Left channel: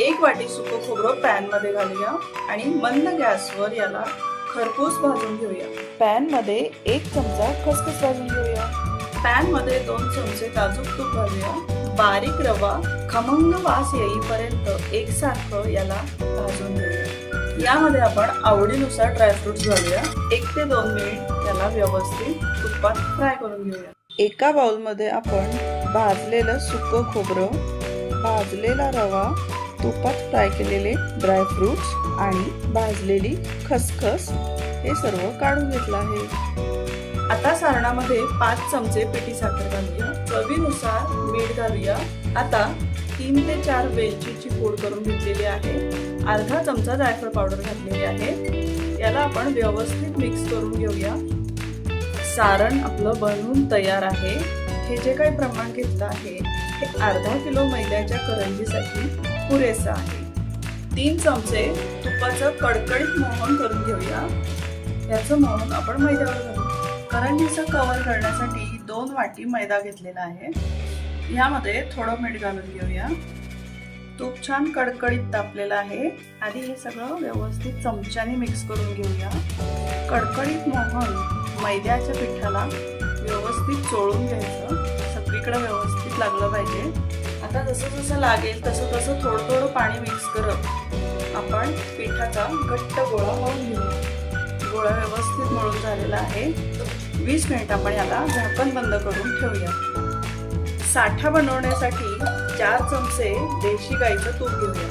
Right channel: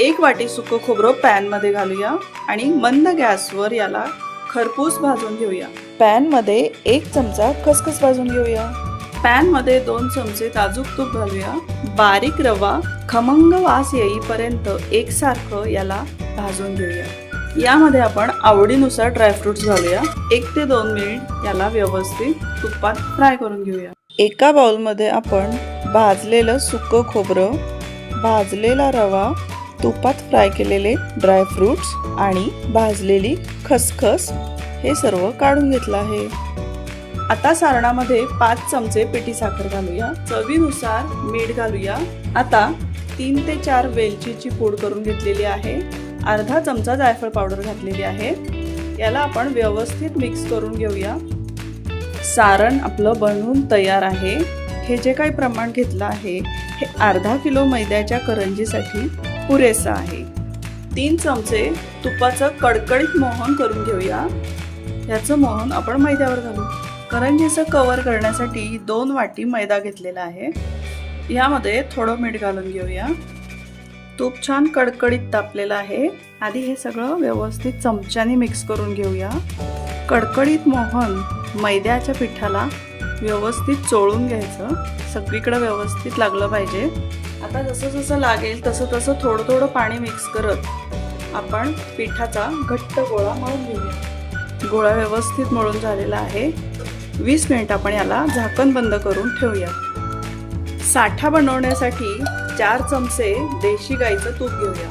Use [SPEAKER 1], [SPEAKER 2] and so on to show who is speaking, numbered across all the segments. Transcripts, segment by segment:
[SPEAKER 1] एक वाटी सुकं खोबरं पॅनमध्ये घालूया आणि मंद गॅसवर याला खरपूस भाजून घेऊया. पॅनमध्ये एक चमचा खसखस भाजून घेऊया. पॅनमध्ये दोन चमचे ताजूक तूप घालूया. बारीक रवा खमंग वास येईपर्यंत एकसारखं याला भाजून घेऊया. यामध्ये आपण आवडीनुसार ड्रायफ्रुट्स घालूया. एक ते दोन मिनिट याला व्यवस्थित तुपात फ्राय करून घेऊया. एका बाउलमध्ये आपण भाजलेलं सुकं खोबरं भाजलेला रवा तुपात फ्राय केलेले ड्रायफ्रुट्स आणि भाजलेली खसखस हे सर्व काढून घेतलं आहे. आता सारणामध्ये पाच चमचे पिठी साखर घालूया. चवीनुसार मीठ घालूया. आता तीन ते चार वेलचीची पूड करून घेतलेली आहे. अर्धा चमचा जायफळ पावडर घातलेली आहे. याला आपण व्यवस्थित मिक्स करून घेऊया. सारण आपलं बनवून तयार आहे. हे जे काही प्रमाण घेतलं आहे हे अर्धा किलो मैद्याच्या करंजीसाठी पुरेसं आहे. तीन चमचे तुपाचं कडकडीत मोहन करून घेऊया. याचं मोहन आपण मैद्यावर घालू. याचं कवर करण्यासाठी दोन वाटी मैदा घेतलेला आहे. यामध्ये थोडं मीठ घालून घेऊया. तूप छान कडकडीत तापलेलं आहे. आधी हे सगळं व्यवस्थित चमच्याने मिक्स करून घेऊया. कडकडीत मोहन मैद्याच्या पिठाला व्यवस्थित चोळून घ्यायचं. सगळीकडे व्यवस्थित लागलं पाहिजे. आता जसं जसं लागेल तसं तसं थोडं थोडं पाणी मिक्स करत आपण पिठाचा घट्ट गोळा मळून घेऊया गोळा व्यवस्थित मळून झालेला आहे. वीस मिनिट आपण याला झाकण बंद करून ठेवूया. साठा बनवण्यासाठी चार चमचे देशी गाईचं तूप घेऊया.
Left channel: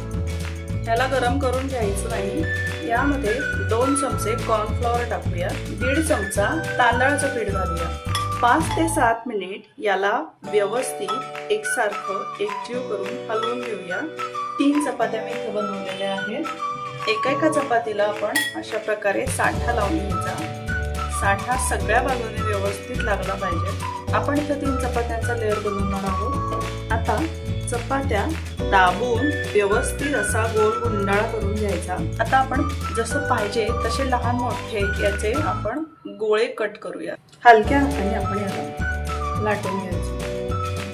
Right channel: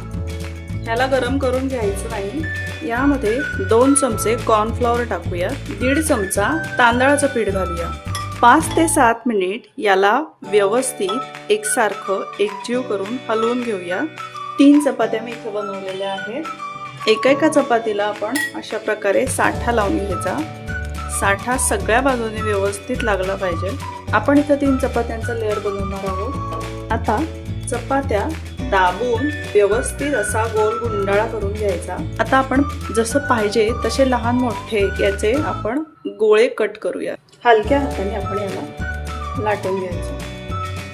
[SPEAKER 1] ह्याला गरम करून घ्यायचं नाही. यामध्ये दोन चमचे कॉर्नफ्लॉवर टाकूया. दीड चमचा तांदळाचं पीठ घालूया. पाच ते सात मिनिट याला व्यवस्थित एकसारखं एकजीव करून हलवून घेऊया. तीन चपात्या मी इथं बनवलेल्या आहेत. एका एका चपातीला आपण अशा प्रकारे साठा लावून घ्यायचा. साठा सगळ्या बाजूने व्यवस्थित लागला पाहिजे. आपण इथं तीन चपात्यांचा लेअर बनवणार आहोत. आता चपात्या दाबून व्यवस्थित असा गोल गुंडाळा करून घ्यायचा. आता आपण जसं पाहिजे तसे लहान मोठे याचे आपण गोळे कट करूया. हलक्या हाताने आपण याला लाटून घ्यायचं.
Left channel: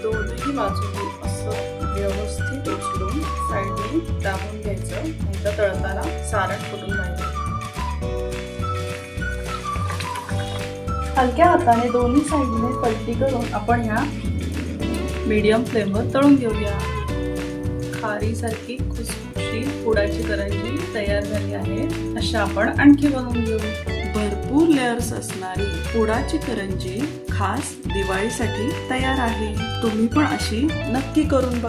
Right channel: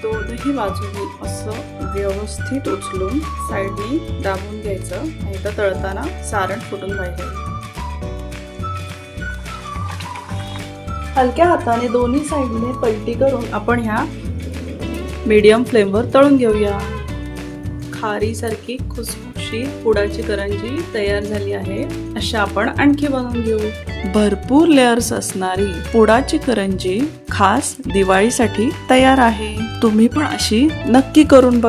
[SPEAKER 1] दोन्ही बाजूने असं व्यवस्थित उचलून साईडनी दाबून घ्यायचं. नाही तर तळताना सारण फुटून जायचं हलक्या हाताने दोन्ही साईडने पलटी करून आपण ह्या मीडियम फ्लेमवर तळून घेऊया. खारीसारखी खुसखुशी पुडाची करंजी तयार झाली आहे. अशा आपण आणखी बनवून घेऊ. भरपूर लेअर्स असणारी पुडाची करंजी खास दिवाळीसाठी तयार आहे. तुम्ही पण अशी नक्की करून बघा.